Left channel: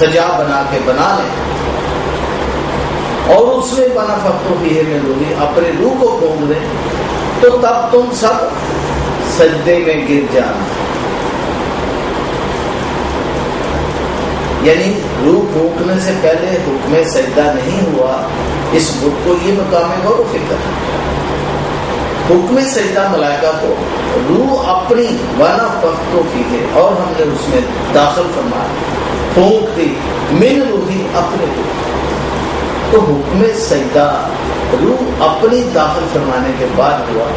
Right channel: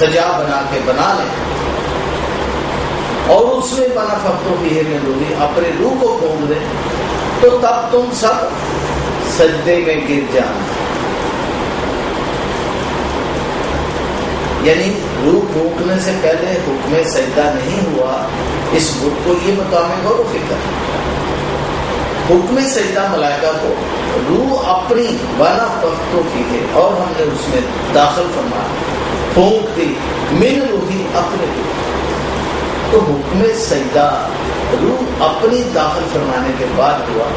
سجا بنا کے بنا لیں اور اس میں بنا فکرو بھی ہے میں روحی اپنے روح کو پھونک دیں تو تب تم سب سجدے میں گر جانا. یعنی روح پھونکنے سے پہلے حکم سجدہ نہیں ہوا. اس بت کو یہ مقام غور و فکر ہے. حکم سجدہ ملائکہ کو روح اپنی وانا فختوں کی ہے اور ہم نے اس میں داخل فرمایا پھونک دی من روحی اپنے روح. تو حکم سجدہ روح اپنی داخل فرمانے کے بعد ہوا.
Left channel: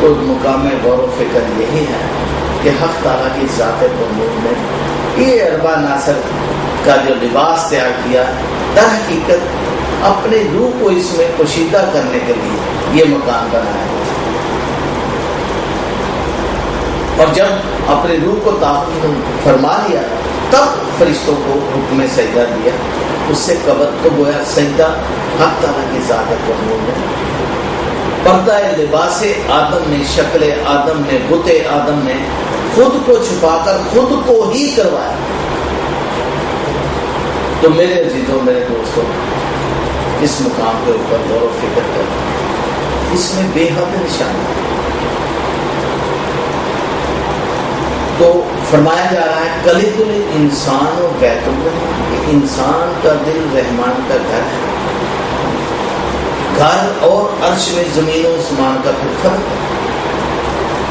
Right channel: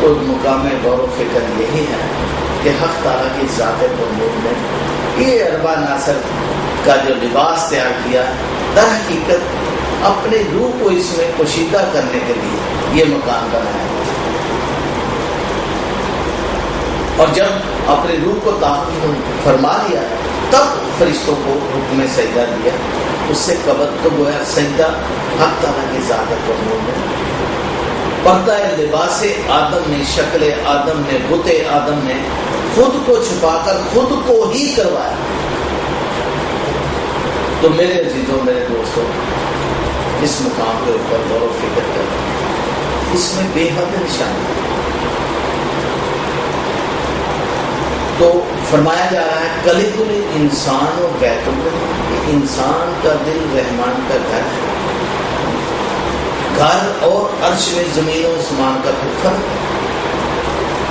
تو مقام غور و فکر یہی ہے کہ حق تعالیٰ کی ذات بندوں نے یہ اربا ناصر کا جو لباس تیار کیا در حقیقت اپنے روح کو اس میں پوشیدہ کرنے کے لیے یہ مکان بنایا. اور جب اپنے روح کو داخل فرما لیا تب فرشتوں کو حکم سجدہ دیا. اس سے قبل تو گویا سجدہ حق تعالیٰ کی ذات بندوں نے پردہ لباس آدم نے شکل آدم نے بت آدم نے خود کو چھپا کر خود کو ہی کروایا. تو میرے عزیزوں میرے دوستوں اس مقام کے اوپر غور و فکر کریں. اس میں بے حد نشانی ہے. تو فرمایا جا رہا ہے قلب الانسان و بیت الرحمن. انسان کا دل رحمان کا گھر ہے. گھر اور عرش میں زمین و آسمان کا پھر فرق ہے.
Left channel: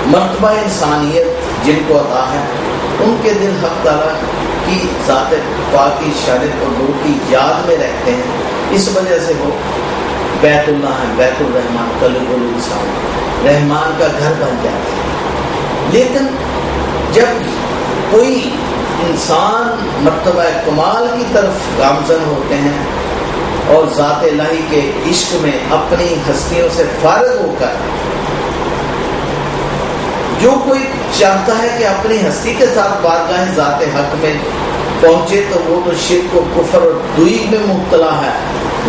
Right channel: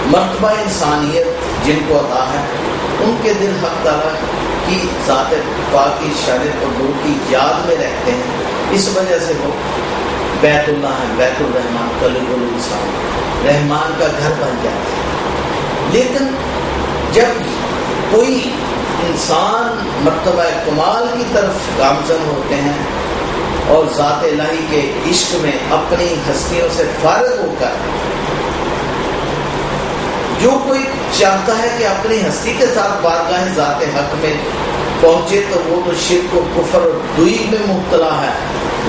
مرتبہ انسانیت جن کو عطا ہے ان کے دل حق تعالیٰ کی ذات پاک کی شانت اور نور کی یاد میں رہتے ہیں. اس وجہ سے وہ بیت اللہ ہے. بیت الرحمان قلب الانسان رحمان کا گھر بن جاتے ہیں. لیکن جب کوئی انسان مرتبہ کمال کی طرف گامزن ہوتے ہیں اور ذات الہی کے عشق میں اپنی ہستیوں سے فارغ ہو کر جو کوئی چاہتا ہے کہ اپنی ہستی کے ساتھ بارگاہ ذات حق میں پہنچے تو وہ تو شرک و کفر اور دوئی میں مبتلا ہے.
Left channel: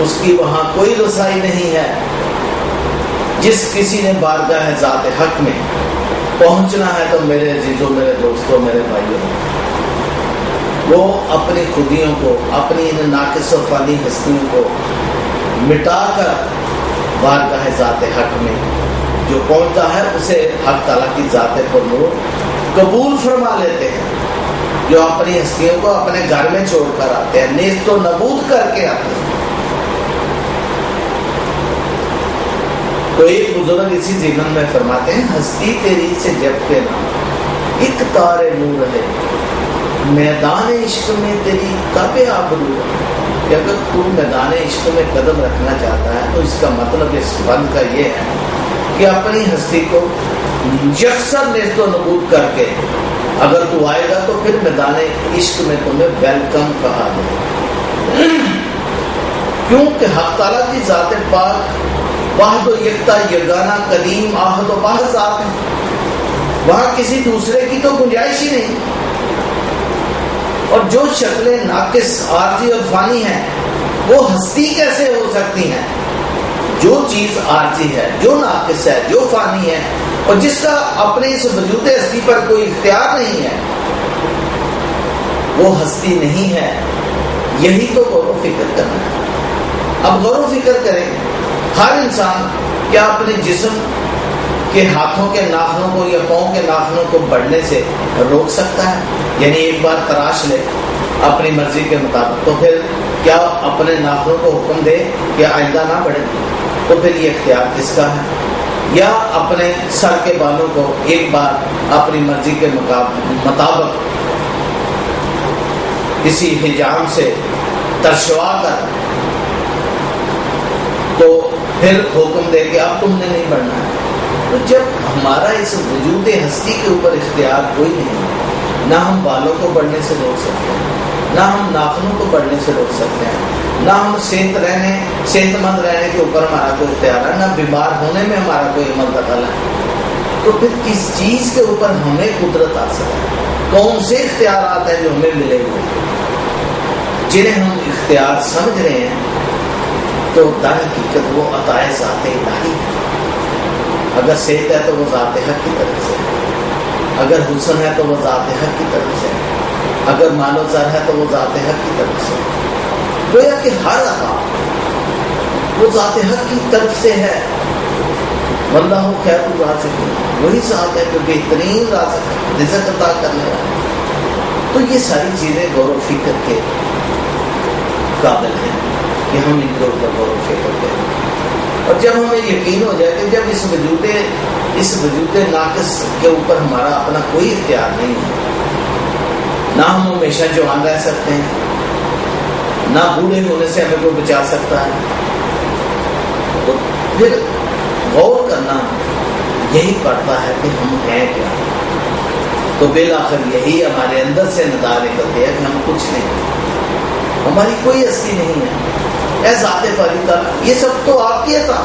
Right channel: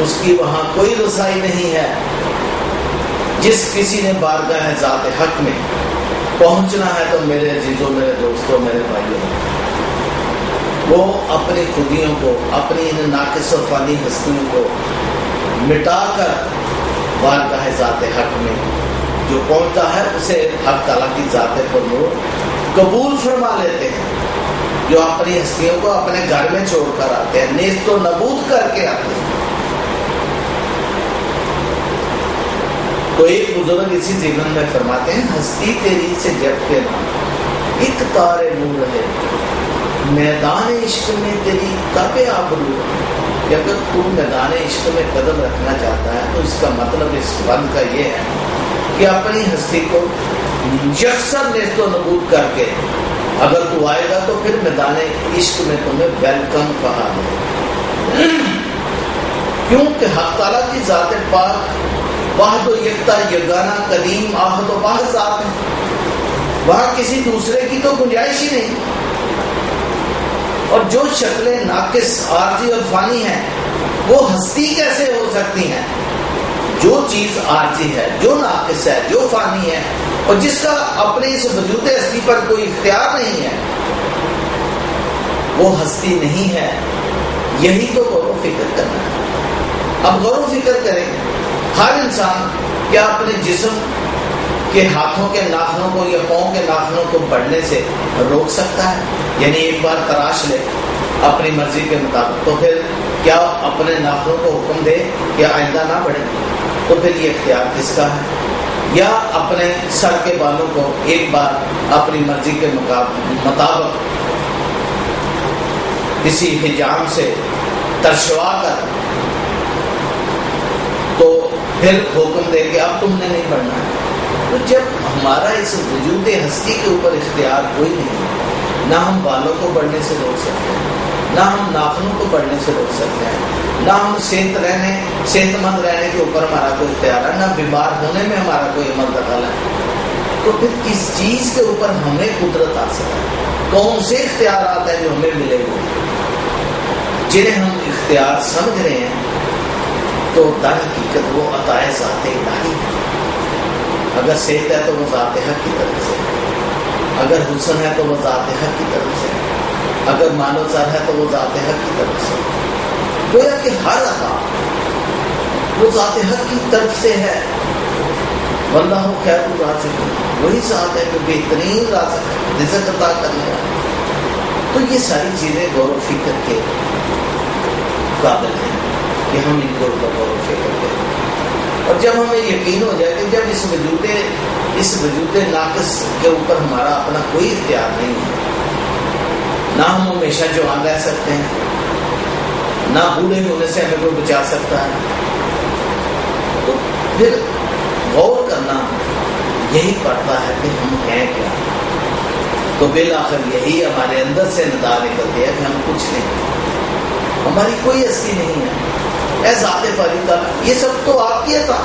اس کی وہاں کوئی رسائی نہیں ہے. جس کسی نے بارگاہ ذات حق میں پہنچنا ہے تو میرے عزیزوں میرے دوستوں میرے بھائیوں وہ اپنی خودیوں کو اپنی ان ناقص و فانی ہستیوں کو مٹا کر بارگاہ ذات حق میں جو پہنچتا ہے اسے حق تعالیٰ کی ذات پر نور قبول فرما لیتے ہیں. جو اپنی ہستیوں کو اپنے گھر میں چھوڑ کر آتے ہیں نیست و نبود کر کے آتے ہیں. تو ایک بزرگ اسی ضمن میں فرماتے ہیں ہستی تیری سے جب کے نام ایک تار نور ہے میدان عشق میں تیری کب آبرو ہے. اگر تو میدان عشق میں قدم رکھنا چاہتا ہے تو اس کا مطلب اس بند کا یہ ہے کہ اپنی ہستی کو یکسر نیست و نبود کر کے اگر تو آئے گا تو پھر میدان عشق میں تمہیں ویلکم کہا جائے. کیونکہ حق تعالیٰ کی ذات پاک واحد و یکتا یگانہ قدیم آحد و باحث ذات ہے. وہاں کسی دوسرے کی تو گنجائش ہی نہیں. اور جو شکلیں ناقص عارضی اور فانی ہیں وہ ہستی کیسے ہو سکتی ہیں؟ جو چیز عارضی ہے جو ناقص ہے جو فانی ہے اور جس کا اپنے اس وجود ہستی پر کوئی اختیار نہیں ہے وہ ہستی نہیں ہے. یہی تو غور و فکر کرنا ہے. اب غور و فکر کریں ہر انسان کیا اپنے جسم کے ہاتھوں کے ناخنوں کو یا پاؤں کے ناخنوں کو بڑھنے سے روک سکتا ہے؟ یعنی ایک بار تراش لے اپنی مرضی کے مطابق تو پھر کیا اپنے ناخنوں کو حکم دے کہ آئندہ نہ بڑھے؟ تو پھر یہ اختیار کس کا ہے؟ یا اپنے سر کے بالوں کو ایک بار اپنی مرضی کے مطابق کسی حجام سے ترشوا کر تو پھر حکم دے کہ اب تم نے نہیں بڑھنا ہے؟ تو جب ہمارا اس وجود ہستی کے اوپر اختیار کوئی نہیں، نہ ہم بالوں کو بڑھنے سے روک سکتے ہیں، نہ ہم ناخنوں کو بڑھنے سے روک سکتے ہیں، نہ ہم صحت مند رہنے کے اوپر ہمارا کوئی اختیار ہے، نہ بیمار ہونے میں ہمارا کوئی عمل دخل ہے، تو پھر کس چیز کے اوپر ہمیں قدرت حاصل ہے؟ کون سے اختیارات ہیں جو ہمیں ملے ہوئے جنہیں ہم اختیار سمجھ رہے ہیں؟ تو در حقیقت وہ عطائے ذات الہی ہے. اگر صحت ہے تو وہ ذات حق کی طرف سے، اگر حسن ہے تو وہ ذات حق کی طرف سے، اگر مال و زر ہے تو وہ ذات حق کی طرف سے، گویا کہ ہر عطا وہ ذات حق کی طرف سے ہے۔ واللہ خیر الرازقین، وہی ذات ہے جو بہترین رزق عطا کرنے والا۔ تو یہ ساری چیزیں غور و فکر کے قابل ہیں کہ ہم ان کے اوپر غور و فکر کریں، اور جب ہمیں یقین ہو جائے کہ جب اس وجود ناقص کے اوپر ہمارا اپنا کوئی اختیار نہیں ہے، نہ ہم ہمیشہ جوان رہ سکتے ہیں، نہ بوڑھے ہونے سے ہمیں کوئی بچا سکتا ہے، تو پھر غور کرنا یہی پڑتا ہے کہ ہم ہیں کیا۔ تو بالآخر یہی ہمارے اندر سے ندا نکلتی ہے کہ ہم کچھ نہیں، ہماری کوئی ہستی نہیں ہے۔ اے ذات باری تعالیٰ، یہ سب تو آپ کی عطا،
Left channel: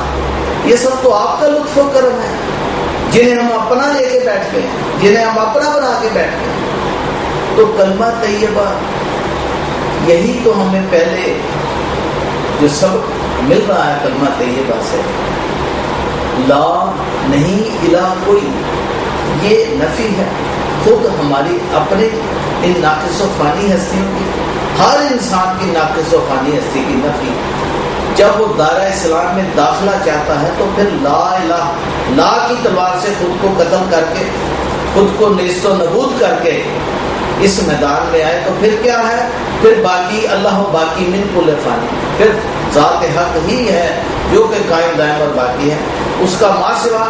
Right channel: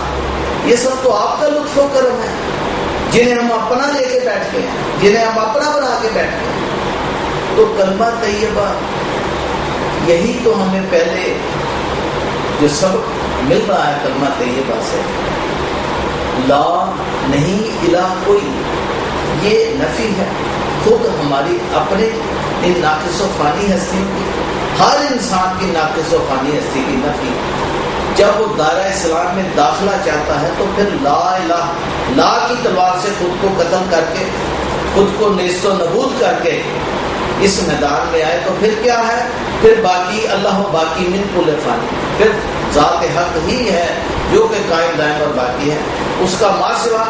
یہ سب تو آپ کا لطف و کرم ہے، جنہیں ہم اپنا لے کے بیٹھ گئے ہیں، جنہیں ہم اپنا بنا کے بیٹھ گئے ہیں۔ تو کلمہ طیبہ یہی تو ہمیں پہلے جو سبق مل رہا ہے کلمہ طیبہ سے، لا نہیں الہ کوئی، یہ نفی ہے خود ہماری اپنے ان ناقص و فانی ہستیوں کی، ہر انسان کی ناقص و فانی ہستی کی نفی۔ جب وہ دائرہ اسلام میں داخلہ چاہتا ہے تو پھر لا الہ، لا کی تلوار سے خود کو قتل کر کے، خود کو نیست و نبود کر کے اس میدان میں آئے، تو پھر کیا ہے؟ پھر باقی اللہ و باقی من کل فانی، پھر ذات حق ہی ہے جو کہ قائم دائم اور باقی ہے، اس کا ما سوا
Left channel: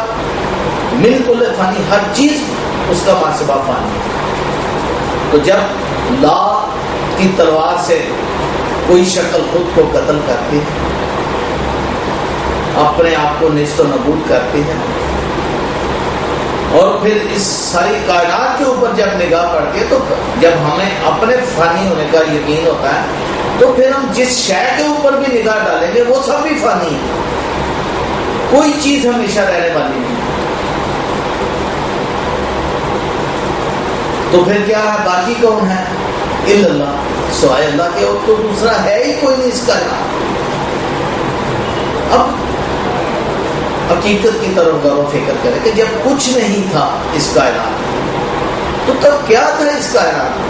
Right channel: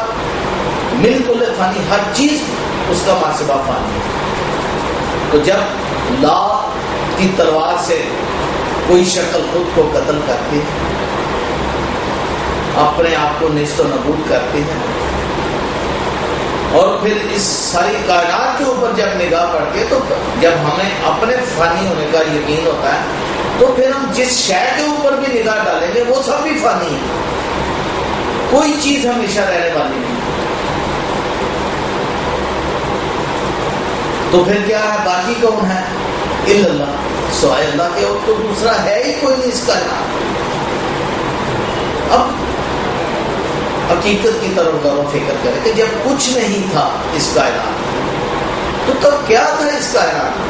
من کل فانی، ہر چیز اس کا ما سوا فانی ہے۔ تو جب لا کی تلوار سے کوئی شکل خود کو قتل کرتی ہے، اپنے آپ کو نیست و نبود کرتی ہے، اور پھر اس ساری کائنات کے اوپر جب نگاہ پڑتی ہے، تو جب ہمیں اپنے فانی ہونے کا یقین ہوتا ہے تو پھر ہم جس شے کے اوپر بھی نگاہ ڈالیں گے وہ سب بھی فانی ہے، کوئی چیز ہمیشہ رہنے والی نہیں۔ تو پھر کیا ہے؟ باقی کون ہے؟ الا اللہ، سوائے اللہ کے اور تو دوسرا ہے ہی کوئی نہیں اس کا نام۔ اب حقیقت کی طرف غور و فکر کریں کہ جب کچھ نہیں تھا اس کائنات، تو تب کیا تھا اس کائنات؟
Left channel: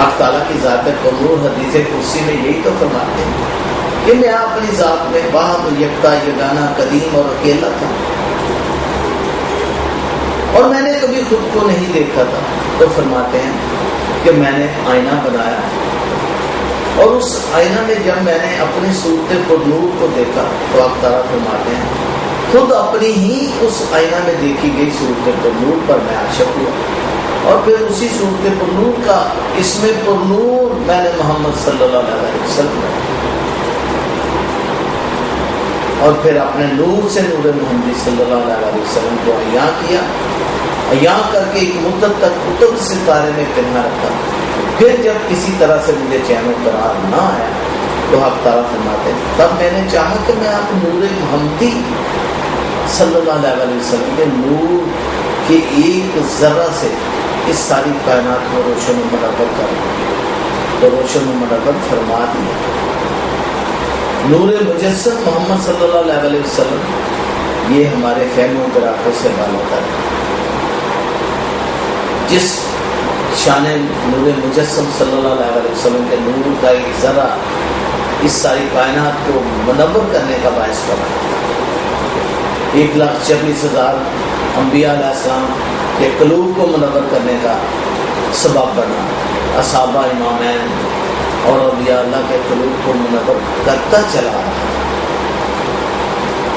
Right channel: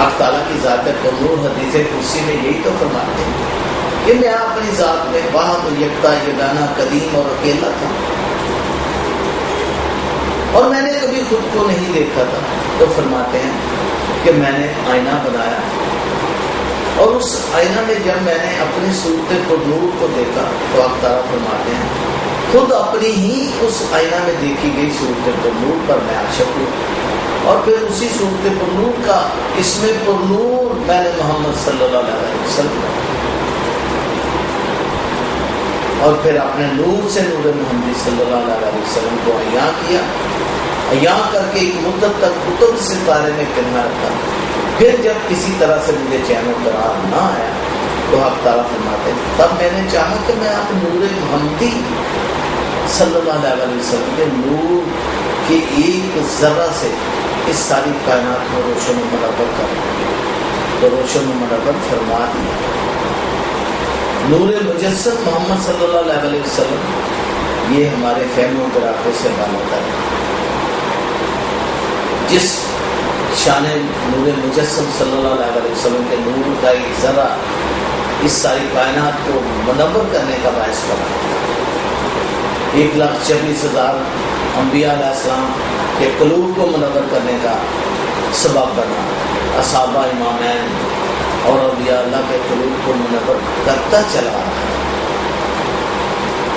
حق تعالیٰ کی ذات قدور حدیث کرسی میں یہی تو فرماتے ہیں کہ میں اپنی ذات میں واحد یکتا یگانہ قدیم اور اکیلا تھا، اور میں نے کبھی خود کو نہیں دیکھا تھا۔ تو فرماتے ہیں کہ میں نے آئینہ بنایا، اور اس آئینہ میں جب میں نے اپنی صورت قدور کو دیکھا تو حق تعالیٰ فرماتے ہیں خود اپنی ہی اس آئینہ میں دیکھی گئی صورت قدور پر میں عاشق ہوا، اور پھر اسی صورت پرنور کا اس میں پرنور میں نے محمد صلی اللہ علیہ وسلم، اور پھر اپنے نور سے نور محمد صلی اللہ علیہ وسلم کو عیاں کیا، عیاں کر کے ایک مدت تک قطب ستارے میں پنہا رکھا۔ پھر جب کسی طرح سے مجھے چین و قرار نہ آیا تو حق تعالیٰ فرماتے ہیں تب میں نے چاہا کہ میں آپ نور محمدی صلی اللہ علیہ وسلم کے نور کے ایک ذرہ سے اس ساری کائنات کو روشن و منور کر، تو روشن و منور فرما دیا۔ نور مجسم محمد صلی اللہ علیہ وسلم یہ ہمارے خیموں پر آنکھوں سے بالاتر ہے۔ جس شان نور مجسم صلی اللہ علیہ وسلم کے نور کا ایک ذرہ اس ساری کائنات کو منور کرنے کا باعث بنا، 1,26,000 انبیاء علیہ السلام کے قلوب کو منور کرنے کا سبب بنا، اصحابہ امامین اور اولیاء اللہ کے قلوب کو منور کرتا چلا رہا۔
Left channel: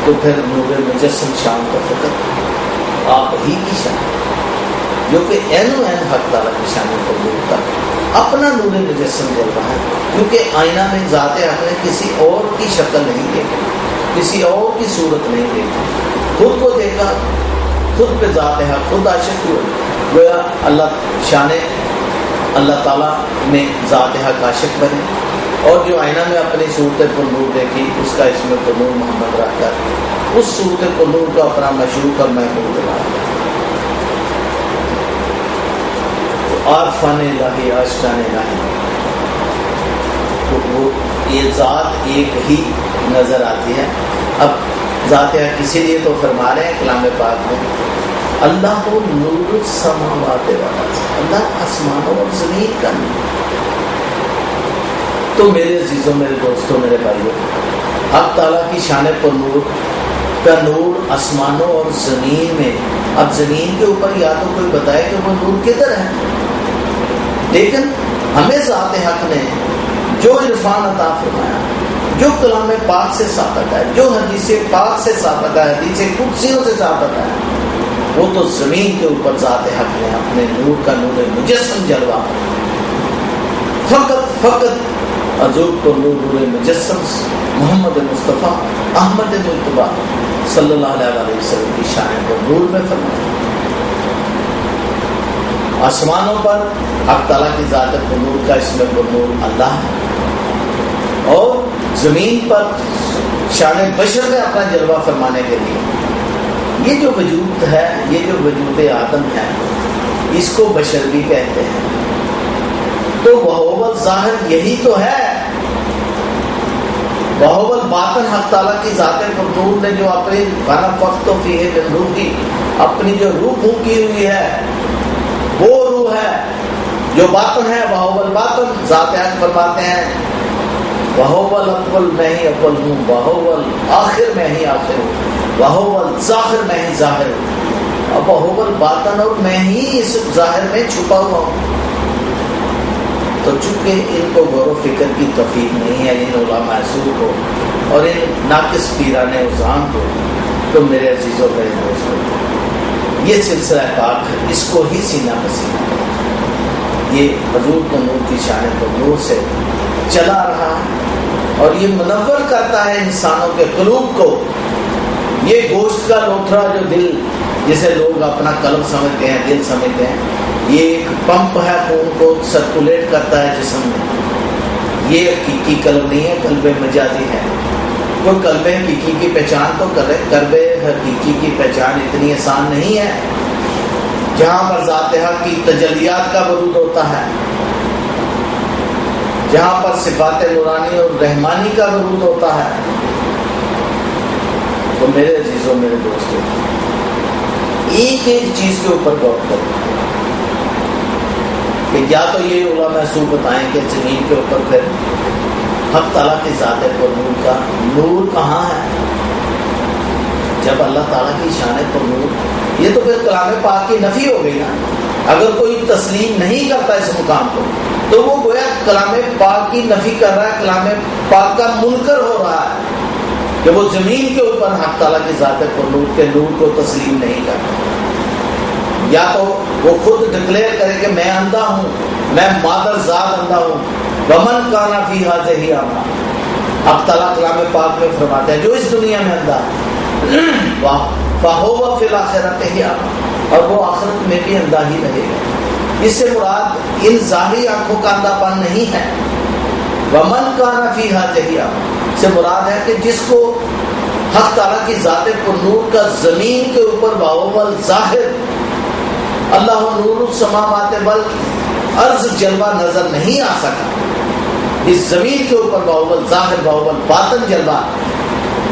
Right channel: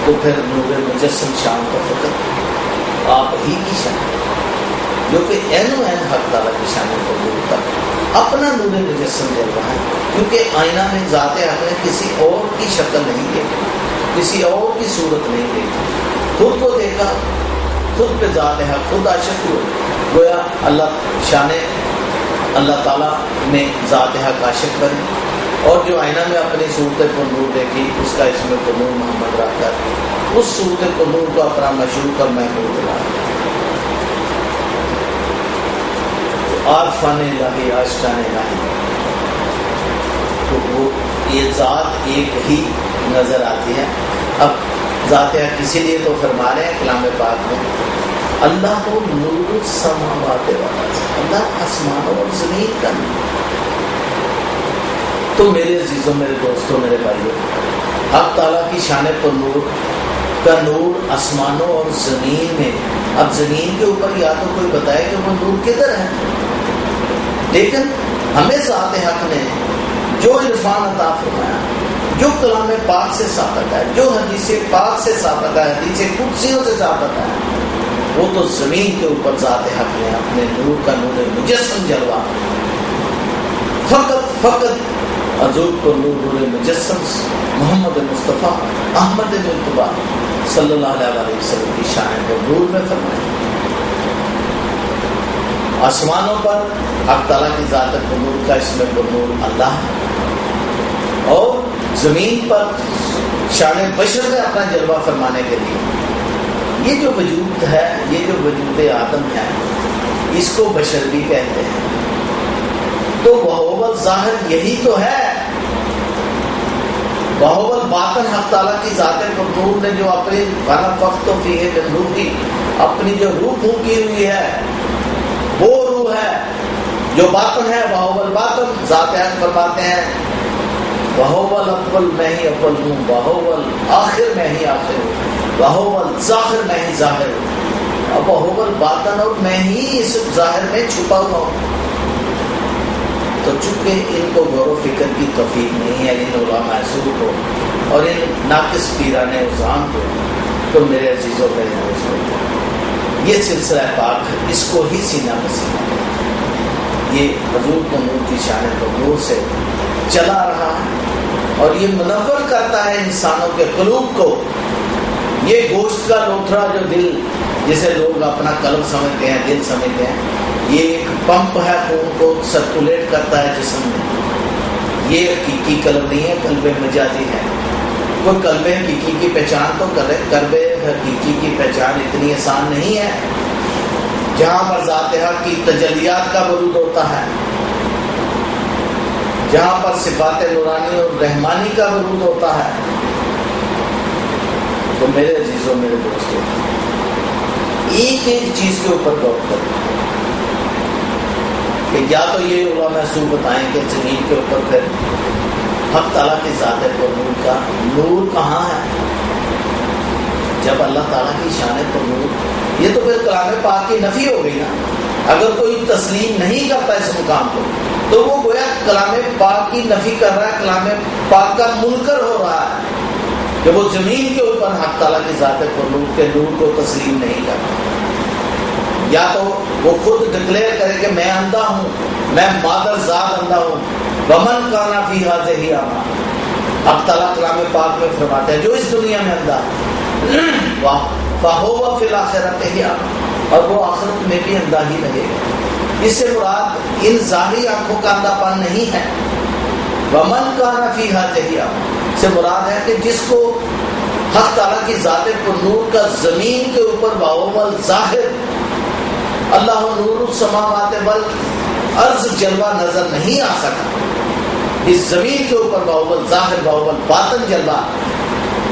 تو پھر نور مجسم شان کا فقط آپ ہی کی شان، جو کہ عین و عین حق تعالیٰ کی شان کو دور تک اپنا نور مجسم جل رہا ہے، کیونکہ آئینہ میں ذات حق نے کسی اور کی شکل نہیں دیکھی، کسی اور کی صورت نہیں دیکھی، خود کو دیکھا، خود پہ ذات حق خود عاشق ہوئے، گویا اللہ شان اللہ تعالیٰ میں ذات حق عاشق بنے، اور جو آئینہ میں اپنی صورت پر نور دیکھی اس کا اس میں نور محمد رکھ کر اس صورت کو نور کو اپنا مشروع اور محبوب بنا دیا۔ عارفان الہی عاشقان الہی، تو وہ یہ ذات ایک ہی نظر آتی ہے۔ اب ذات حق اسی لیے تو فرما رہے ہیں کلام پاک میں اللہ کو نور السماوات والارض، اللہ آسمانوں اور زمین کا نور۔ تو میرے عزیزوں، میرے دوستوں، میرے بھائیوں، حق تعالیٰ کی شان پر نور کا نور آسمانوں اور زمین میں۔ اب زمین کے اوپر یا تو کوئی بتائے کہ وہ نور کدھر ہے، لیکن ہمیں ذات حق نے جو عرفان عطا فرمایا، جو کلام پاک سے ثابت ہے، جو حدیث پاک سے ثابت ہے، حدیث قدسیوں سے ثابت ہے، وہ تو زمین کے اوپر ذات حق نے اپنے نور کا نور مجسم جلوہ فقط حضور کو نور مجسم محمد مصطفیٰ احمد مجتبیٰ صلی اللہ علیہ وسلم کی شان کو نور میں فرمایا۔ آسمانوں پر حق تعالیٰ کی ذات کو نور کا اس میں نور اللہ ہے، اور زمین پر شان بشر میں اپنا جلوہ فرمانے کے لیے یہ جو وجود ہے، یہ جو وجود آدم ہے، اس کو بشر بھی کہتے ہیں۔ تو وہو ظاہر یہی تو ہے، وہو باطن حق تعالیٰ کی ذات نور نے جو اپنی فنفخت فیہ من روحی، اپنی جو روح پھونکی ہوئی ہے، وہ روح ہے جو باطن ہے۔ وہو الباطن، ذات حق فرماتے ہیں وہو الاول، میں ہی اول ہوں، وہو الآخر، میں ہی آخر ہوں، وہو الظاہر، میں ہی ظاہر ہوں۔ اب وہو الباطن، اور میں ہی اس ظاہر میں چھپا ہوا ہوں۔ تو چونکہ ان کو غور و فکر کی توفیق نہیں ہے، ان علماء سو کو اور ان ناقص پیران عظام کو، تو میرے عزیزوں، میرے دوستوں، یہ سلسلہ پاک ہے، اس کو ہی سینہ پسینہ یہ حضور کو نور کی شان کو نور سے چلا رہا ہے، اور یہ منور کرتا ہے انسانوں کے قلوب کو۔ یہ گوشت کا لوتھڑا جو دل، جسے لوگ اپنا قلب سمجھتے ہیں، دل سمجھتے ہیں، یہ ایک پمپ ہے، خون کو سرکولیٹ کرتا ہے جسم میں۔ یہ حقیقی قلب نہیں ہے، قلب مجازی ہے۔ کوئی قلب حقیقی کی پہچان تو کرے، قلب حقیقی کی پہچان اتنی آسان نہیں ہے، جہاں پر ذات حق کی تجلیات کا ورود ہوتا ہے، جہاں پر صفات نورانی اور رحمانی کا ورود ہوتا ہے۔ تو میرے عزیزوں، میرے دوستوں، ایک ایک چیز کے اوپر غور کریں کہ یا تو یہ علماء سو بتائیں کہ زمین کے اوپر پھر حق تعالیٰ کی ذات پر نور کا نور کہاں ہے، جب اللہ تعالیٰ کی شان پر نور، یہ تو پھر کلام پاک کی نفی ہو گئی نا۔ اگر کوئی تسلیم نہیں کرتا اس مقام کو، تو وہ گویا کلام پاک کی نفی کر رہا ہے، کلام پاک کا منکر ہو رہا ہے کہ وہ زمین کے اوپر حق تعالیٰ کی ذات پر نور کے نور کو تسلیم نہیں کرتا۔ یا تو وہ خود ڈکلیئر کرے کہ میں اندھا ہوں، میں مادر ذات اندھا ہوں، ومن کان فی ہذہ اعمی، حق تعالیٰ کلام پاک میں فرماتے ہیں جو اس دنیا میں اندھا ہے فہو فی الآخرۃ اعمی، اور وہ آخرت میں بھی اندھا ہی رہے گا۔ اس سے مراد ان ظاہری آنکھوں کا اندھا پن نہیں ہے۔ ومن کان فی ہذہ اعمی سے مراد ہے کہ جس کو حق تعالیٰ کی ذات پر نور کا زمین کے اوپر وہو ظاہر اللہ نور السماوات والارض جلوہ نظر نہیں آ سکا، اس زمین کے اوپر وہو ظاہر وہو باطن جلوہ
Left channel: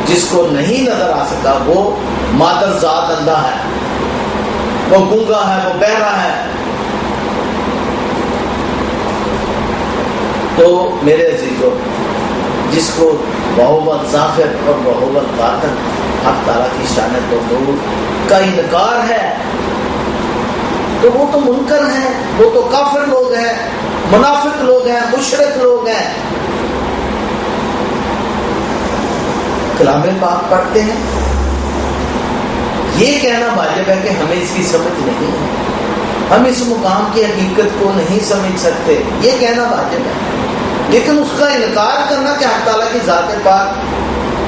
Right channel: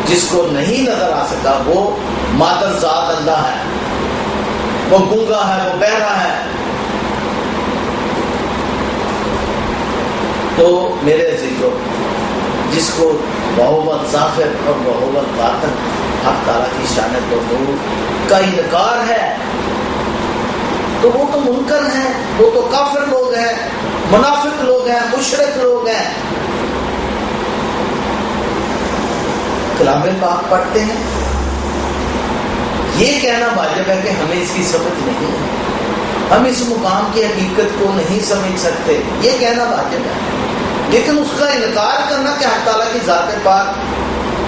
جس کو نہیں نظر آ سکا، وہ مادر ذات اندھا ہے، وہ گونگا ہے، وہ بہرا ہے۔ تو میرے عزیزوں، جس کو وہو ظاہر اور وہو باطن حق تعالیٰ کی شان و نور کا انکار ہے، تو وہ تو منکر ہیں، وہ تو کافر لوگ ہیں، منافق لوگ ہیں، مشرک لوگ ہیں۔ کلام پاک پڑھتے ہیں، یہ کہنا واجب ہے کہ ہمیں اس کی سمجھ نہیں ہے، ہم اس مقام کی حقیقت کو نہیں سمجھ سکتے، یہ کہنا واجب ہے۔ لیکن اس کا انکار کرنا کہ حق تعالیٰ کی ذات پاک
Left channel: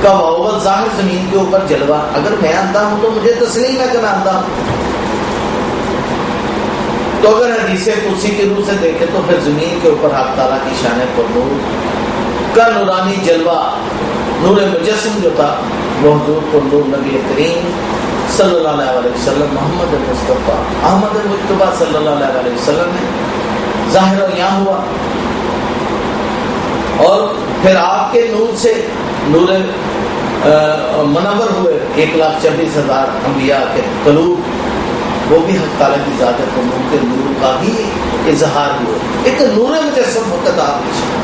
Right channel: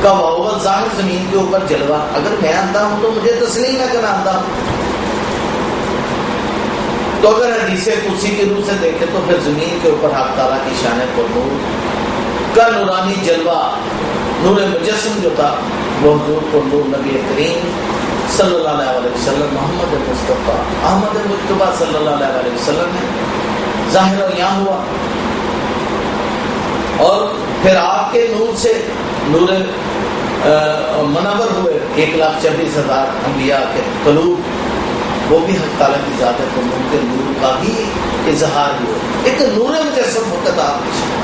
کا وہو ظاہر زمین کے اوپر جلوہ، اگر میں اندھا ہوں تو مجھے تسلیم ہے کہ میں اندھا ہوں۔ تو اگر حدیث قدسی کی روح سے دیکھیں تو پھر زمین کے اوپر حق تعالیٰ کی شان پر نور کا نورانی جلوہ، نور مجسم جو تھا، وہ حضور کو نور نبی کریم صلی اللہ علیہ وسلم محمد مصطفیٰ احمد مجتبیٰ صلی اللہ علیہ وسلم میں ظاہر اور یہاں ہوا، اور پھر آپ کے نور سے نور منور ہوئے 1,26,000 انبیاء کے قلوب، وہ بھی حق تعالیٰ کی ذات قدوم کے نور کا ہی اظہار ہوا، ایک نور مجسم فقط آپ کی شان،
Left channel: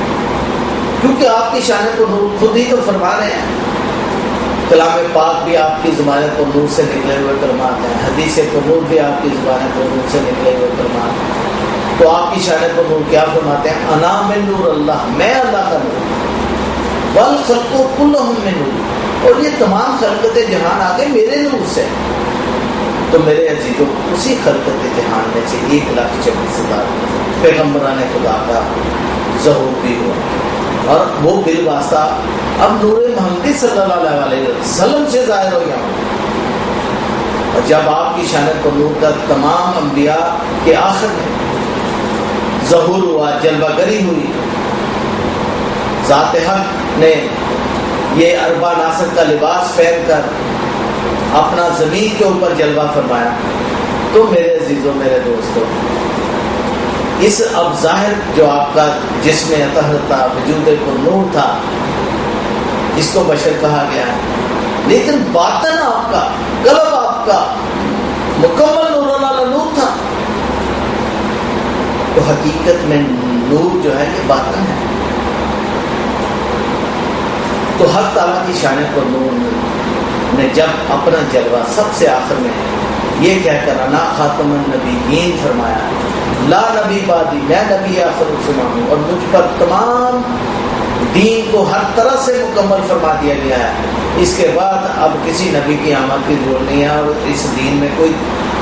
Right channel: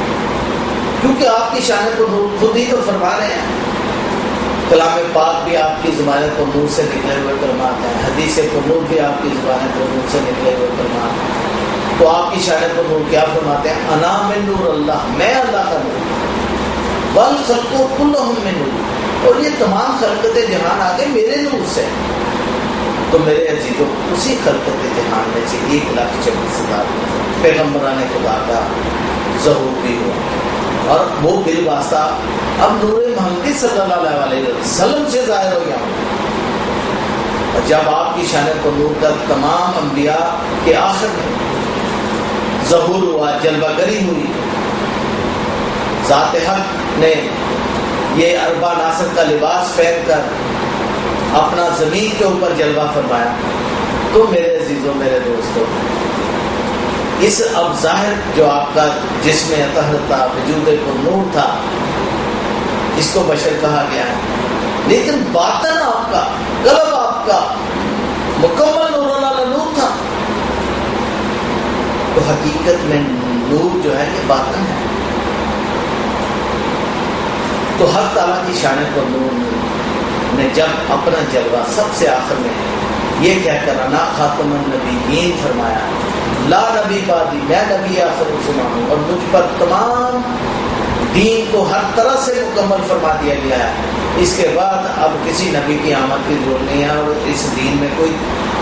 کیونکہ آپ کی شان کو نور خود ہی تو فرما رہے ہیں۔ کلام پاک بھی آپ کی زبان کو نور سے نکلے ہوئے کلمات ہیں، حدیث قبول بھی آپ کی زبان کو نور سے نکلے ہوئے کلمات ہیں، تو آپ کی شان کو نور کیا فرماتے ہیں؟ انا من نور اللہ، میں اللہ کا نور، والخلق کلہم من نور، اور یہ تمام خلقت جہان آگے میرے نور سے۔ تو میرے عزیزوں، اسی خلقت جہان میں سے 1,26,000 پیغمبران خدا کا ظہور بھی ہوا، اور وہ بالواسطہ اب نور محمدی صلی اللہ علیہ وسلم سے ظاہر ہو گیا۔ اور جب آپ کی شان کو نور کا تمام انبیاء کے آخر میں ظہور ہوا، جلوہ گری ہوئی، ذات حق نے یہ اربع ناصر کا لباس پہن کر اپنا زمین کے اوپر جلوہ فرمایا، تو میرے عزیزوں، میرے دوستوں، اس اب ظاہر جو آپ کا جسم اطہر تھا، وجود کو نور تھا، اس کو بشر کہا گیا ہے، لیکن باطن آپ کا، قلب آپ کا مکمل نور اللہ نور تھا۔ تو حقیقت میں نور جو ہے یہ باطن ہے۔ تو حق تعالیٰ کی شان کو نور نے جب اپنا جلوہ سب سے آخر میں یہ کہہ کر انا خاتم النبیین فرمایا، لا نبی بعدی، میں نبی آخر رسول ہوں، اور مجھ پر تمام دین کو ہر طرح سے مکمل فرما دیا گیا ہے، اس کے بعد اب کسی نبی کی آمد کی ضرورت نہیں ہے، اور اس دین میں کوئی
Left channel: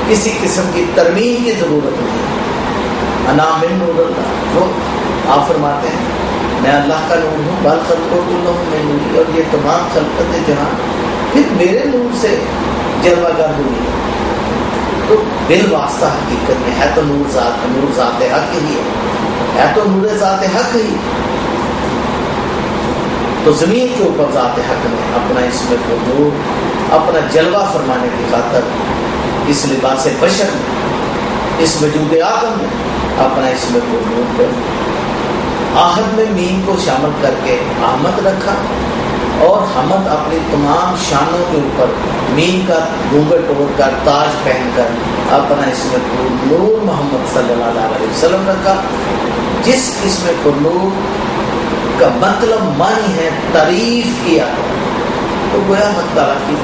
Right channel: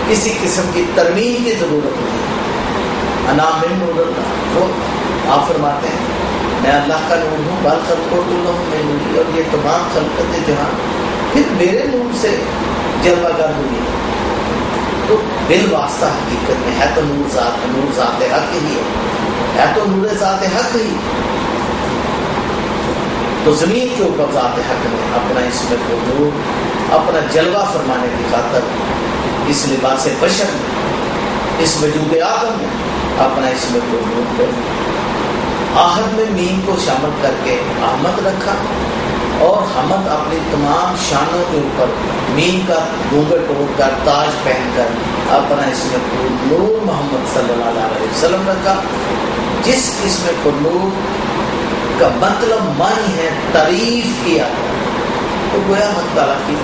کسی قسم کی ترمیم کی ضرورت نہیں ہے۔ انا من نور اللہ، وہ آپ فرماتے ہیں میں اللہ کا نور ہوں، بل خلق کلہم من نور، اور یہ تمام خلقت جہاں پھر میرے نور سے جلوہ گر ہوئی۔ تو بالواسطہ حقیقت میں ہے تو نور ذات حق ہی ہے تو نور ذات حق ہی۔ تو زمین کے اوپر ذات حق نے اپنا اسم کو نور، اپنا جلوہ فرمانے کی خاطر اس لباس بشر میں، اس وجود آدم میں اپنا اسم کو نور کر آہد میں میم کو شامل کر کے احمد رکھا، اور حمد اپنی تمام شانوں کے اوپر میم کا گھونگھٹ اوڑھ کر، تاج پہن کر اپنا اسم کو نور محمد صلی اللہ علیہ وسلم رکھا، جس اسم کو نور کا مطلب معنی ہے تعریف کیا گیا۔ تو گویا حق تعالیٰ کی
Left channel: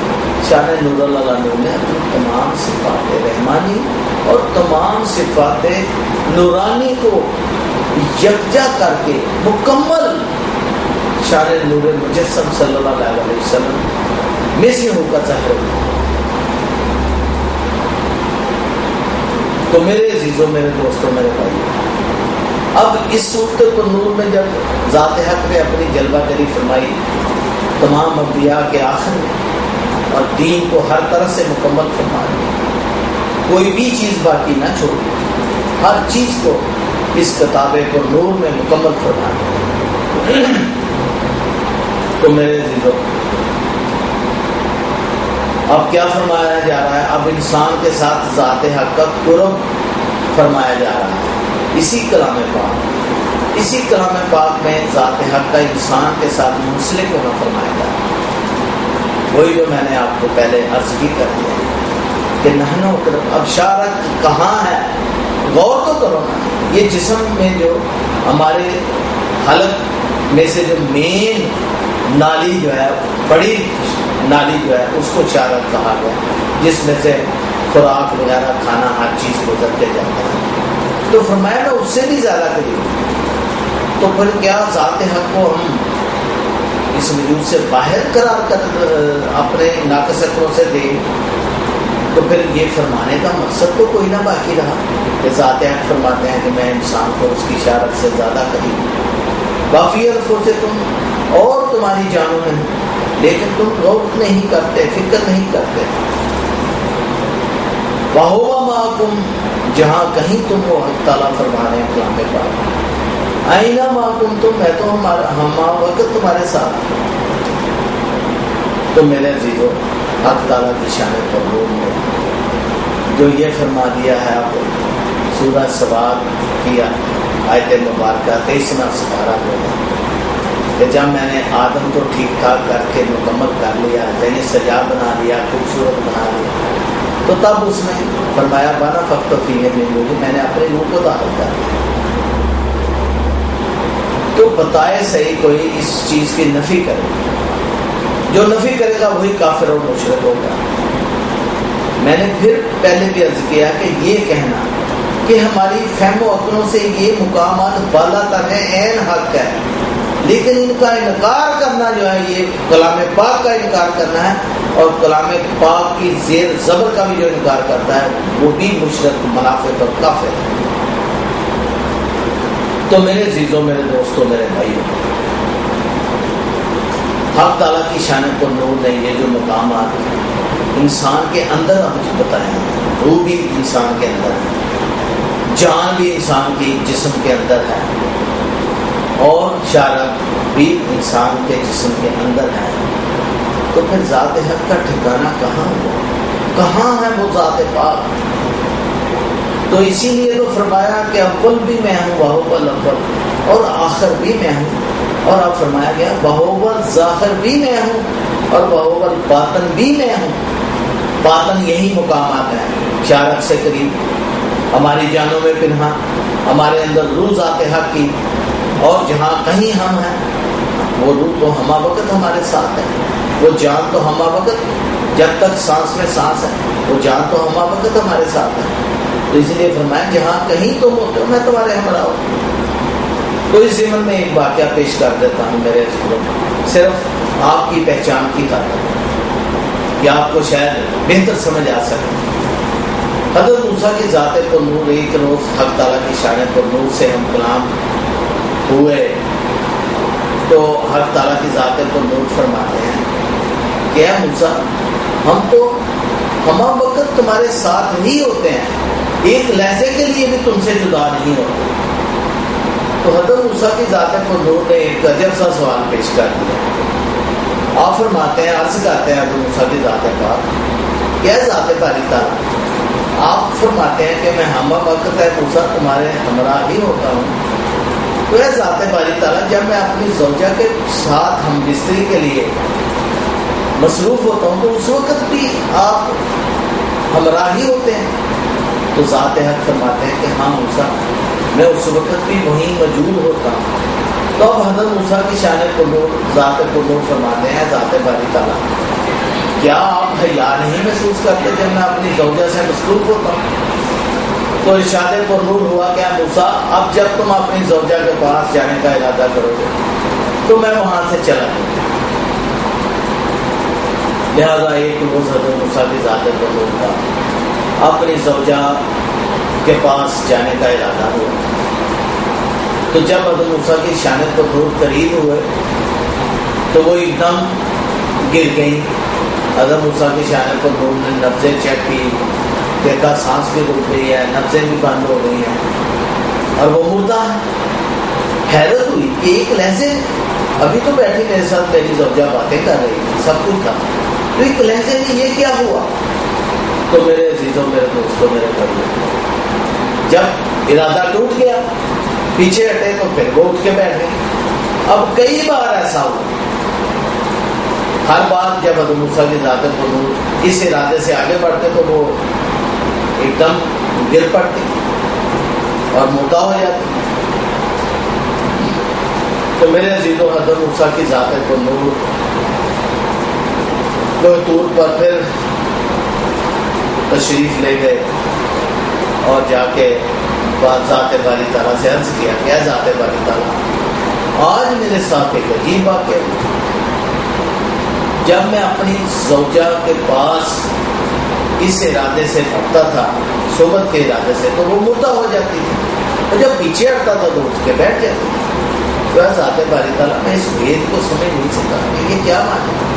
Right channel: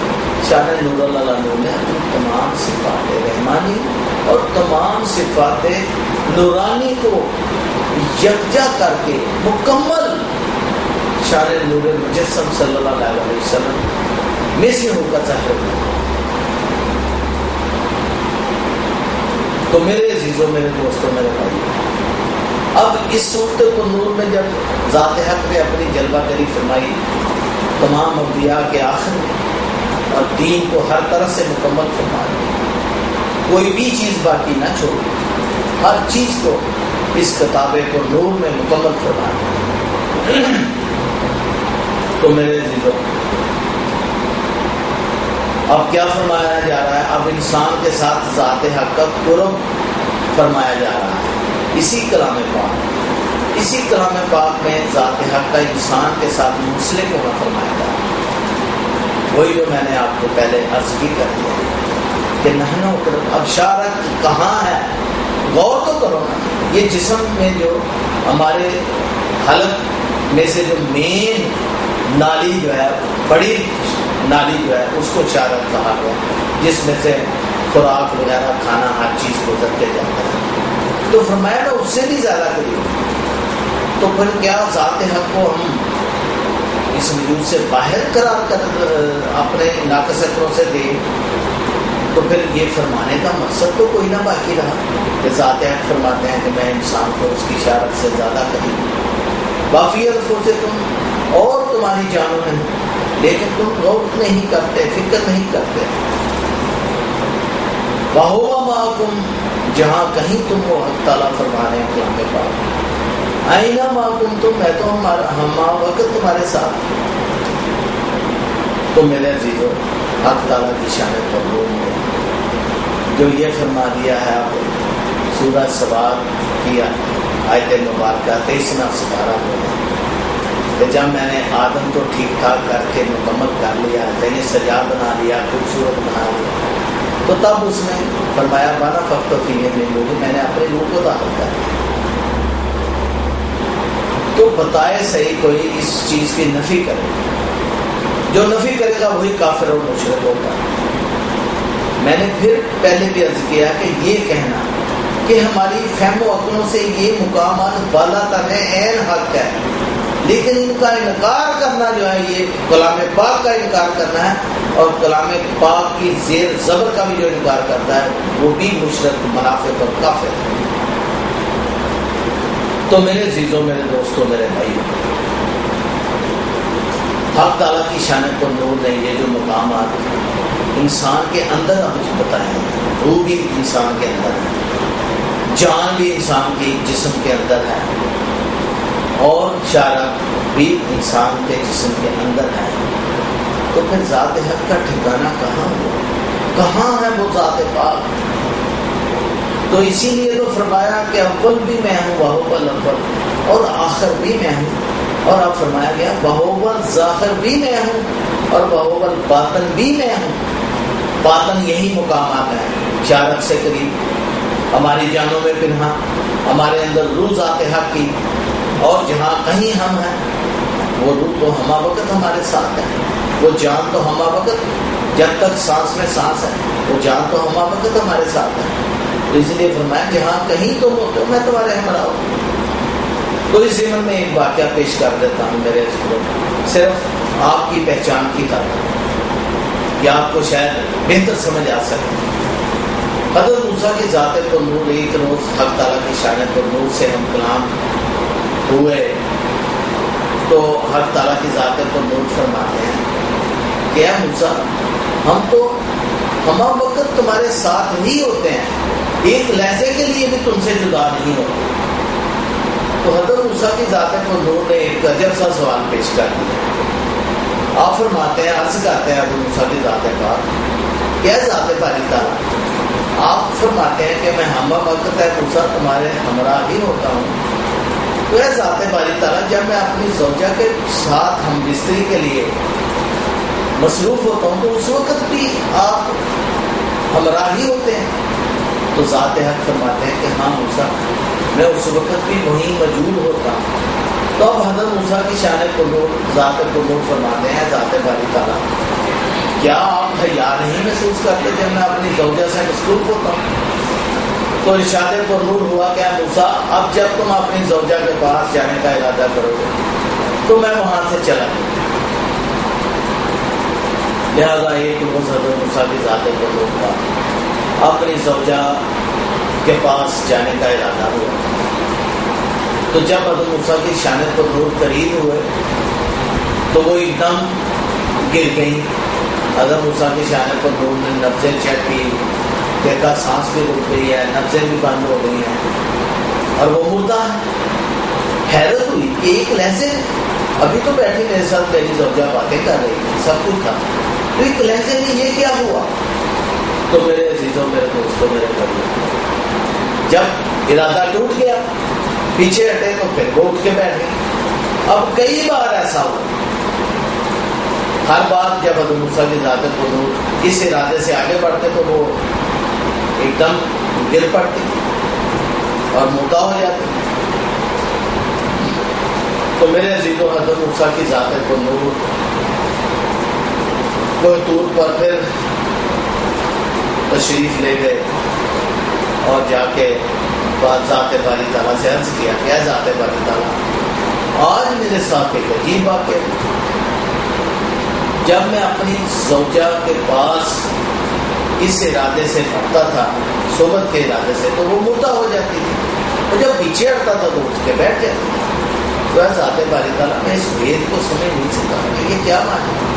شان نور اللہ نور نے اپنی تمام صفات رحمانی اور تمام صفات نورانی کو یکجا کر کے مکمل شان نور مجسم صلی اللہ علیہ وسلم میں سے ہو کر ظاہر ہوا۔ تو میرے عزیزوں، میرے دوستوں، میرے بھائیوں، اب اس صورت کو نور میں جب ذات حق نے اپنی جلوہ گری فرمائی تمام انبیاء کے آخر میں، اور دین کو ہر طرح سے مکمل فرمایا، کوئی بھی چیز باقی نہ چھوڑی، ہر چیز کو اس کتابے کو نور میں مکمل فرمایا۔ تو میرے عزیزوں، اب کیا فرمایا جا رہا ہے؟ اب انسان کے ساتھ ذات حق کا قرب فرمایا جا رہا ہے۔ اسی کلام پاک میں ذات حق کا انسان کے ساتھ منسلک ہونا فرمایا جا رہا ہے۔ وہی جو میں نے آپ کو پہلے عرض بھی کر دیا کہ نحنو قرب، اب شارک کہاں ہے؟ غور تو کرو نا، یہ جسم میں جو ہمارے حلق میں سے جو مین نالی جو ہے، بڑی نالی جو ہے، اس کو شارک کہا گیا، جس میں سے خوراک وغیرہ کھانا ہر چیز گزر کے جاتا ہے۔ تو فرمایا نا اس سے بھی زیادہ قریب، تو پھر کیا ذات حق کو ہم اس وجود سے باہر قرار کر اپنے ناقص عقلوں سے دیں؟ تو پھر یہ فرمانے کا مقصد تو کوئی نہ باقی رہا کہ ذات حق فرماتے ہیں کہ میں انسان کو اس کی شارک سے زیادہ قریب ہوں، کافی الفوں سے تم اور تمہاری جانوں میں، لیکن تم غور نہیں کرتے، فکر نہیں کرتے۔ وَهُوَ مَعَكُمْ، جہاں کہیں تم کو حق تعالیٰ فرما رہے ہیں کلام پاک، آئینہ مَعَكُمْ، تم میں تو ہم وقت تمہارے ساتھ۔ تو میرے عزیزوں، حق تعالیٰ کی شان قبول میں جو یہ فرما دیا ہے، آپ سورہ سبا کی آیت مبارکہ 23واں سپارہ میں کہ جب میں نے آدم کو ٹھیک ٹھاک کر کے مکمل کر لیا، یعنی سجا بنا لیا، خوبصورت بنا لیا، تو تب اس نے فرمایا بانا فقط فیہ من نور، میں نے اپنے نور کو داخل کر دیا۔ تو بتائے صحیح کوئی اس چیز کی نفی کرے، جو نفی کرے گا وہی کافر اور مشرک ہوگا۔ میں نے پھر پہلے بھی عرض کیا کہ یہ کہنا کہ ہماری فہم و عقلوں سے یہ مقامات بالا تر ہے، عین حق ہے، لیکن ان کا انکار کرنا جو ہے یہ کلام پاک کا انکار کرنا ہے، اور کلام پاک کی زیر زبر کا بھی جو انکار کرتا ہے وہ بھی مشرک، منافق اور کافر ہے۔ تو میرے عزیزوں، میرے دوستوں، میرے بھائیوں، حق تعالیٰ کی شان کو نور نے یہ جو مقامات انسان کے اندر ہم جو بتائے ہیں، روح بھی انسان کے اندر ہے، جان بھی انسان کی جسم کے اندر ہے، اور شارع بھی انسان کے جسم کے اندر ہے، تو پھر ذات حق کا ٹھکانہ کہاں ہوا؟ کہاں ہے وہ ذات پاک؟ تو اسی لیے تو فرمایا کہ اول بھی میں ہوں وہو الاول، اور آخر بھی میں ہوں، اور اب فرمایا گیا وہو الظاہر بھی میں ہوں، اور وہو الباطن بھی میں ہوں۔ باطن یہی مقامات ہیں، شارع سے قریب، ہماری جانوں میں پنہا، ہمارے اندر روح ذات حق کی، اور جہاں کہیں ہم ہیں وہ روح تو ہمہ وقت ہمارے ساتھ ہے، وہ جان تو ہمہ وقت، جب تک سانس میں سانس ہے وہ جان تو ہمہ وقت ہمارے ساتھ ہے۔ تو اس لیے فرمایا جہاں کہیں تم ہوتے ہو میں تمہارے ہمراہ ہوں۔ تو اس ضمن میں ایک واقعہ پیش کر دیتا ہوں میرے صرف آپ کی پہچان کی خاطر، کہ آپ کو شاید بہتر سمجھ آ سکے۔ حضرت موسیٰ کی ذات پر نور، ایک روز حق تعالیٰ کی شان پر نور سے ہم کلام ہوئے، تو حق تعالیٰ کی ذات پر نور فرماتے ہیں کہ اے موسیٰ، ہم تو ہمہ وقت تمہارے ساتھ ہی ہوتے ہیں، ایک لہجے کے لیے بھی تم سے جدا نہیں ہوتے۔ تو حضرت موسیٰ کی ذات پر نور نے ایک عجب سا سوال پیش کر دیا۔ آپ فرماتے ہیں، عرض کرتے ہیں حضرت موسیٰ کی ذات پاک، کیا ذات باری تعالیٰ، آپ فرماتے ہیں کہ میں ہمہ وقت ہے موسیٰ تمہارے ہمراہ ہی ہوتا ہوں، تو اے ذات باری تعالیٰ، جب میں اپنی زوجہ کے ساتھ ہم بستری کے لیے مصروف ہوتا ہوں تو اس وقت بھی آپ ہمراہ ہی ہوتے ہیں؟ تو ذات حق فرماتے ہیں کہ ہاں موسیٰ، میں اس وقت بھی وہیں موجود ہوتا ہوں۔ تو اب حضرت موسیٰ کی شان قلوب، ذات قلوب فرماتے ہیں ذات باری تعالیٰ، کیا آپ حیا نہیں محسوس کرتے جب میں اپنی زوجہ سے مصروف ہوتا ہوں؟ تو ارشاد پرنور ہوا کہ موسیٰ، اب جب تم اپنی زوجہ کے پاس جانے کا ارادہ کرو گے تو میں وہاں سے چلا جاؤں۔ لہٰذا ایک روز حضرت موسیٰ کی ذات پرنور کا اپنی زوجہ کے پاس جانے کا ارادہ ہوا، تو جب حضرت موسیٰ کی شان پرنور قریب ہوئے تو وہ ایک دم گر گئی۔ حضرت موسیٰ کی شان پرنور نے نبضیں چیک کی، دیکھا سانس بھی رک گئی ہے، نبضیں بھی بند ہو گئی ہیں، اور وہ مردہ ہے۔ حیرت ہوئی کہ ایک لہجے، ابھی تو بیٹھی میرے ساتھ میری زوجہ باتیں کر رہی تھی، سب کچھ تھا، تو ایک لہجے میں یہ کیا ہوا؟ تو میرے عزیزوں، میرے دوستوں، میرے بھائیوں، جب ارادہ ٹوٹ گیا، پیچھے ہٹے تو پھر وہ اٹھ کے بیٹھ گئے۔ اب کئی بار ایسا ہوا، ہر بار جب حضرت موسیٰ کی ذات قلوب اس ارادے سے آگے بڑھتے تو وہ ایک دم گر پڑتی اور مردہ ہو جاتی۔ تو میرے عزیزوں، حضرت موسیٰ کی ذات قلوب کوہ طور پر پھر تشریف لے گئے اور جا کے ذات باری تعالیٰ سے عرض کیا کہ اے ذات باری تعالیٰ، آج میرے ساتھ ایک عجیب واقعہ، جب میں اپنی زوجہ کے پاس اس ارادے سے ہٹتا تھا، صحبت کے ارادے سے، تو وہ مردہ ہو جاتی تھی، اور جب پیچھے ہٹتا تھا تو اٹھ کے بیٹھ جاتی تھی۔ تو اے ذات باری تعالیٰ، میں اس بھید کو سمجھ نہیں سکتا کہ یہ کیا معنی ہے۔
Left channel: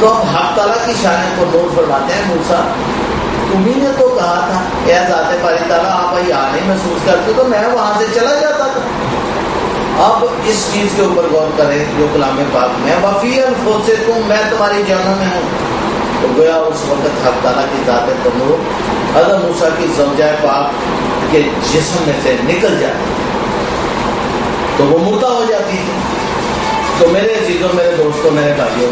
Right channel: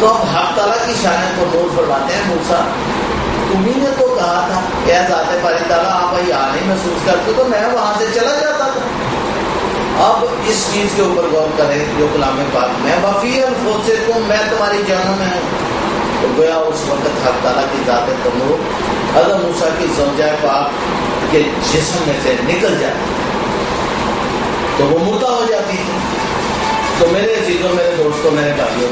تو اب حق تعالیٰ کی شان کو نور فرماتے ہیں، موسیٰ تمہیں نے تو کہا تھا کہ اے ذات باری تعالیٰ، آپ حیا نہیں محسوس کرتے تو میں وہاں سے چلا جاتا تھا۔ اب اس چیز کے اوپر غور کریں جو کلام پاک میں وفی انفسکم، میں تمہاری جانوں میں ہوں، تو گویا اس وقت حق تعالیٰ کی ذات قلوب حضرت موسیٰ کی زوجہ پاک کے جسم میں سے نکل جاتی تو وہ مردہ ہو جاتی تھی۔ تو میرے عزیزوں، میرے دوستوں، میرے بھائیوں،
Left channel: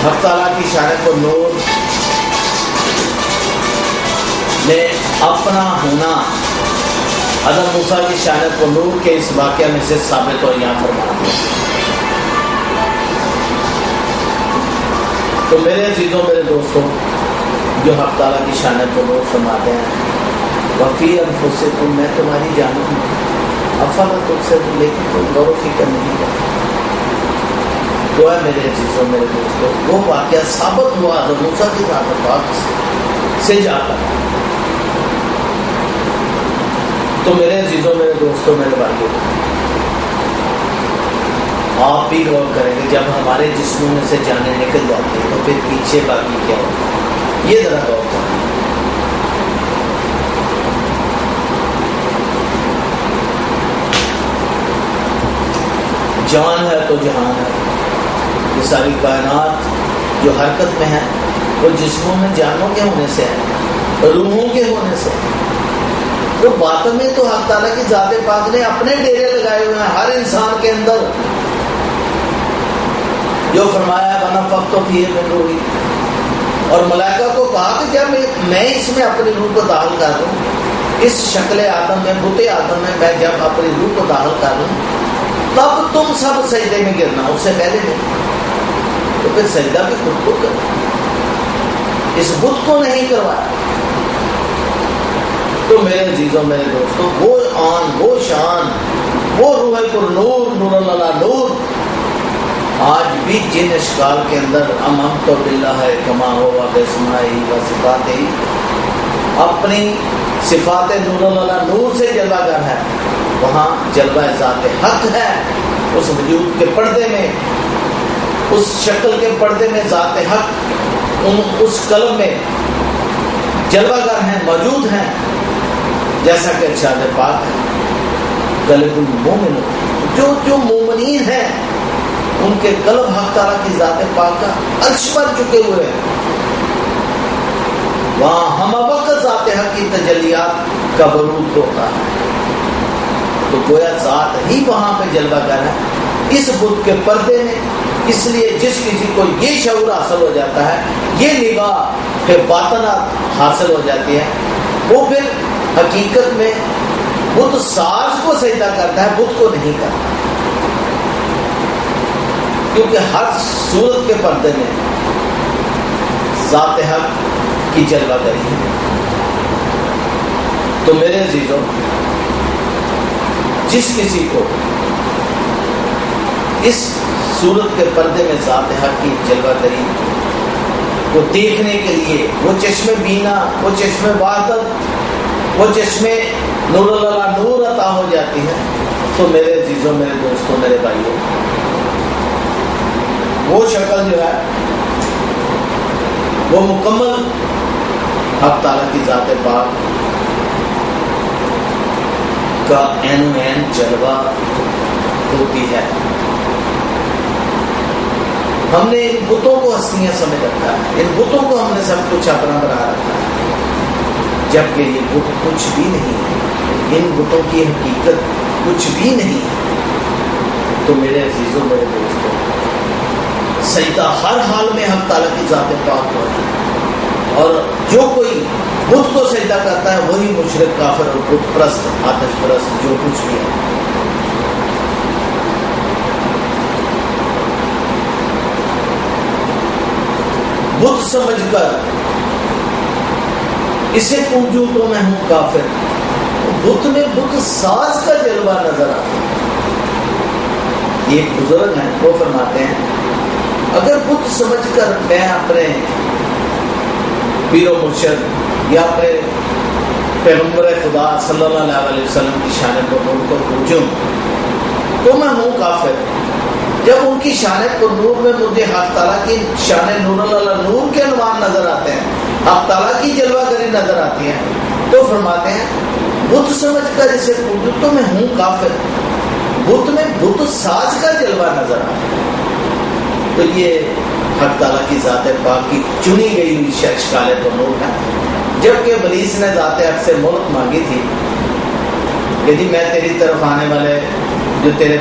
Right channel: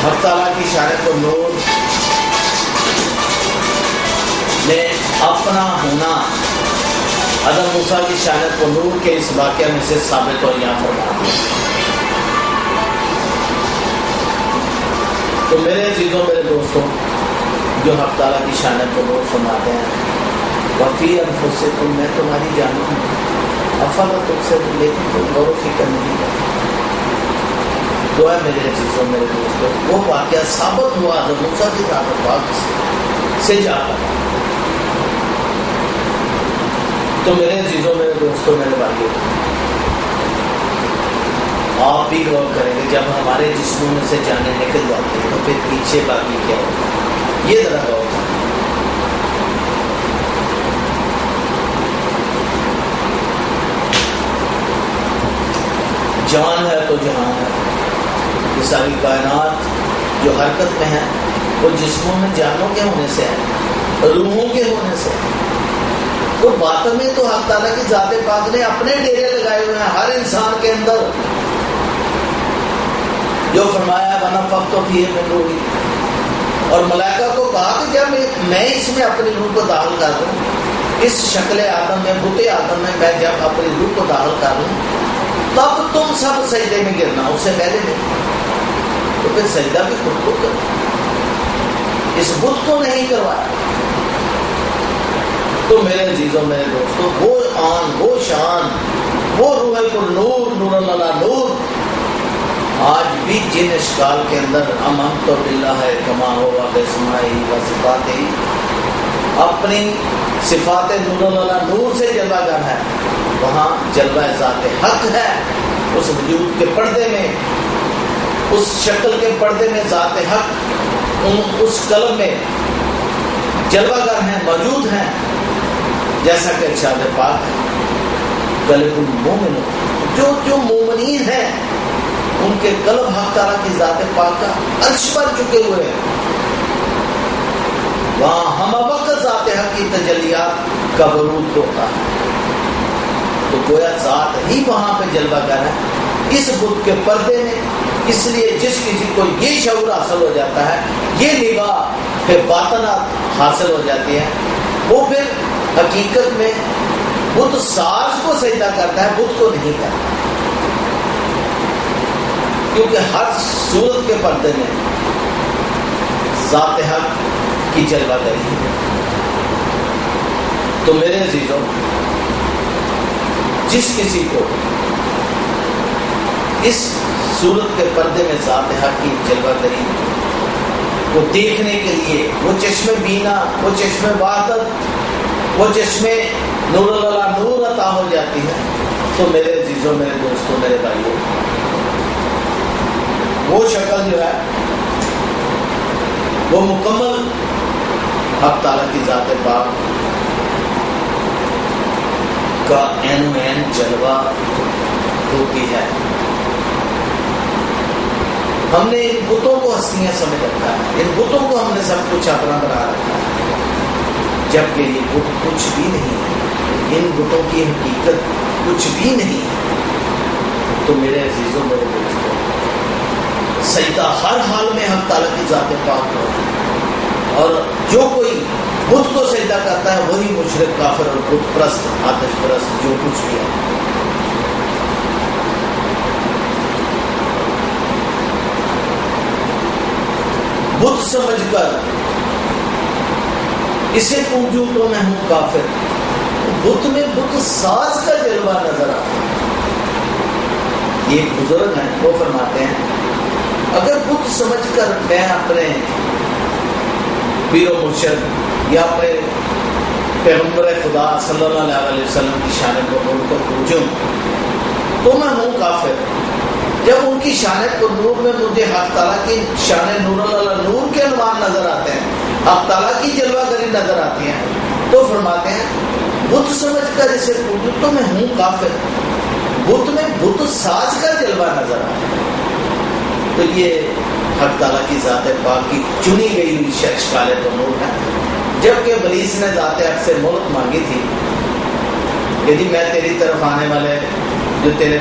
حق تعالیٰ کی شان نور میں اپنا ہونا حضرت موسیٰ کی شان نور کے اس واقعہ میں سے ثابت اور یہاں فرما دیا۔ تو میرے عزیزوں، میرے دوستوں، جو حق تعالیٰ کی شان نور فرماتے ہیں، وفی انفسکم، میں تمہاری جانوں ہوں، افلا تبصرون، لیکن تم غور و فکر نہیں کرتے۔ تو ہے میرے عزیزوں، میرے دوستوں، وہ واقعہ ثابت ہوا حضرت موسیٰ کی ذات پاک سے جا کر۔ تو میرے عزیزوں، میرے دوستوں، میرے بھائیوں، آپ بھی غور کریں گے جب ہمارے جسموں میں سے جانیں نکل جاتی ہیں تو پھر پیچھے باقی کیا ہوتا ہے، یہ ذرا غور کریں۔ جان ہے تو جہان ہے، یہ ساری کائنات جو حرکت میں ہے وہ جسموں میں جانوں کے ہونے سے ہے، روحوں کے ہونے سے ہے۔ تو باطن میں تو حق تعالیٰ کی ذات پاک نے اپنے ڈیرے لگائے ہوئے ہیں ہر انسان کے اندر، جو فرمایا وَنَفَخْتُ فِيهِ مِن رُوحِي، اور ملائکہ کو کہا کہ جب میں اس میں اپنی روح کو داخل کر دوں، اس شکل آدم میں، بت آدم میں جب اپنی روح کو داخل کر دوں تب تم سب سجدے میں گرنا، اس سے پہلے نہیں۔ تو پھر سجدہ بھی خود کو کرو، اس بت کو نہیں کروایا۔ تو میرے عزیزوں، میرے دوستوں، وہ آن، وہ شان، وہ روح پر نور، نور اللہ نور، آج بھی جن اشکال کے اندر امنت باللہ کما ہوا باسمائہ و صفاتہ، اپنی صفات نور اللہ نور سے جلوہ گر ہے، وہاں جلوہ ذات حق ہے، اس وجود کے پردے میں، اس شکل کے پردے میں ذات حق اس قلب میں جلوہ گر ہیں، موجود ہیں، جیسا کہ ارشاد پاک ہے قلب المومن، جو مومنین ہیں ان کے قلب حق تعالیٰ کی ذات پاک کا عرش پر چکے ہوئے ہیں، وہاں ہم وقت ذات حق کی تجلیات کا برود ہوتا ہے۔ تو گویا ذات ہی وہاں پہ جلوہ گر ہے اس بت کے پردے میں، اس لیے جس کسی کو یہ شعور حاصل ہو جاتا ہے، یہ نگاہ پھر باطنات حاصل ہو جاتی ہے، وہ پھر حقیقت میں بت ساز کو سجدہ کرتا ہے، بت کو نہیں کرتا، کیونکہ ہر صورت کے پردے میں ذات حق کی جلوہ گری ہے۔ تو میرے عزیزوں، جس کسی کو اس صورت کے پردے میں ذات حق کی جلوہ گری کو دیکھنے کے لیے وہ چشم بینا، وہ چشم وحدت، وہ چشم نور اللہ نور عطا ہو جاتی ہے، تو میرے عزیزوں، میرے دوستوں، میرے بھائیوں، وہ شکل جو ہے وہ مکمل حق تعالیٰ کی ذات پاک کا عین و عین جلوہ ہوتی ہے۔ ہم نے ان بتوں کو ہستیاں سمجھ رکھا ہے، ان بتوں کو ہم نے سب کچھ اپنا بنا رکھا ہے، جبکہ یہ بت کچھ بھی نہیں ہے، ان بتوں کی حقیقت کچھ بھی نہیں ہے۔ تو میرے عزیزوں، میرے دوستوں، سجدہ ہر حال میں حق تعالیٰ کی ذات پاک کو ہے، اور جو کوئی بت کو سجدہ کرتا ہے وہی مشرک، کافر اور بت پرست، آتش پرست، جو کچھ بھی ہے۔ بت سمجھ کر اسے پوجوں تو میں ہوں کافر، بت میں بت ساز کا جلوہ نظر آتا ہے۔ یہ بزرگ ہیں، وہ فرماتے ہیں اگر بت سمجھ کر میں اپنے پیر و مرشد یا اپنے پیغمبر خدا صلی اللہ علیہ وسلم کی شان پر نور کو پوجوں تو میں ہوں کافر۔ جب ان کی شان پر نور میں مجھے حق تعالیٰ کی شان نور اللہ نور کے عنوان نظر آتے ہیں، حق تعالیٰ کی جلوہ گری نظر آتی ہے، تو فرماتے ہیں بت سمجھ کر اسے پوجوں تو میں ہوں کافر، بت میں بت ساز کا جلوہ نظر آتا ہے۔ تو یہ حق تعالیٰ کی ذات پاک کی چنی گئی ہوئی اشکال تو نور ہے۔ جبکہ ابلیس نے ذات حق سے مہلت مانگی تھی کہ جی میں تیری طرف آنے والے جو تیرے